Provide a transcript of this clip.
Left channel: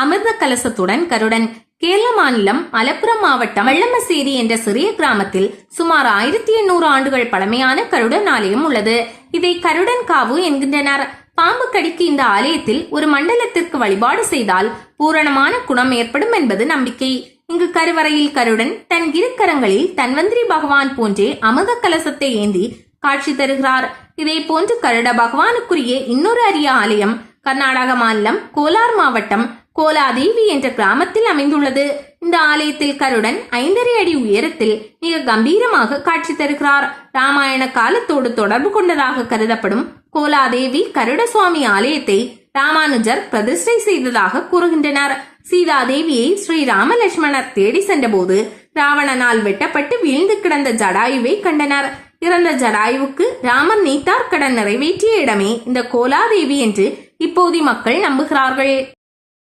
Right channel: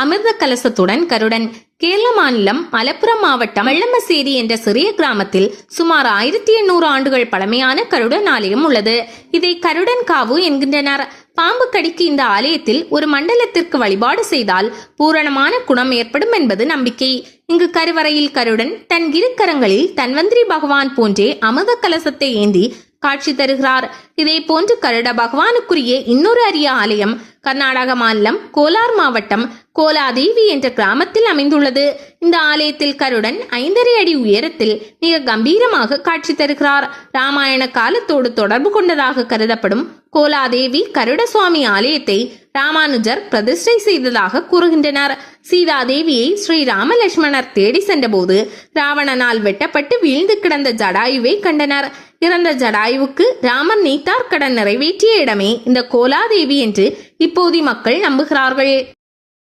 அமிர்த கலசத்துடன் கருடன். கேரள மாநிலம் மலப்புரம் மாவட்டம் வெள்ளமசேரி என்ற சிறிய கிராமத்தில் சுமார் 1800 ஆண்டுகள் பழமையான கருடன் ஆலயம் உள்ளது. இதை கருடன் காவு என்கின்றனர். பாம்பு கடிக்கு இந்த ஆலயத்தில் ஒரு மண்டலத்திற்கு வழிபாடு செய்தால் பூரணமான குணம் ஏற்படும் என்பது நம்பிக்கை. இங்கு கருவறையில் கருடன் தன் இரு கரங்களில் தன்வந்திரி பகவான் போன்றே அமிர்த கலசத்தை ஏந்தி காட்சி தருகிறார். இதே போன்று கருட பகவானுக்குரிய இன்னொரு அரிய ஆலயம் கர்நாடக மாநிலம் கோலார் மாவட்டம் கோலாதேவி என்ற கிராமத்தில் அமைந்துள்ளது. இந்த ஆலயத்தில் கருடன் 5.5 அடி உயரத்தில் மிக கம்பீரமாக காட்சி தருகிறார். ராமாயண காலத்தோடு தொடர்பு கொண்டதாக கருதப்படும் கோலாதேவி கருட சுவாமி ஆலயத்தை ராமானுஜர் பிரதிஷ்டை செய்ததாக கூறுகின்றனர். சீதாதேவியை ஸ்ரீ ராமலட்சுமணர் தேடி சென்றபோது ராவணனால் வெட்டப்பட்டு வீழ்ந்து கிடந்த ஜடாயுவை கண்டனர். இறந்த ஜடாயுவுக்கு ராமன் நீத்தார் கடன் நிறைவேற்றிய இடமே இந்த கோலாதேவி என்று இப்போது மக்கள் நம்புகிறார்கள்.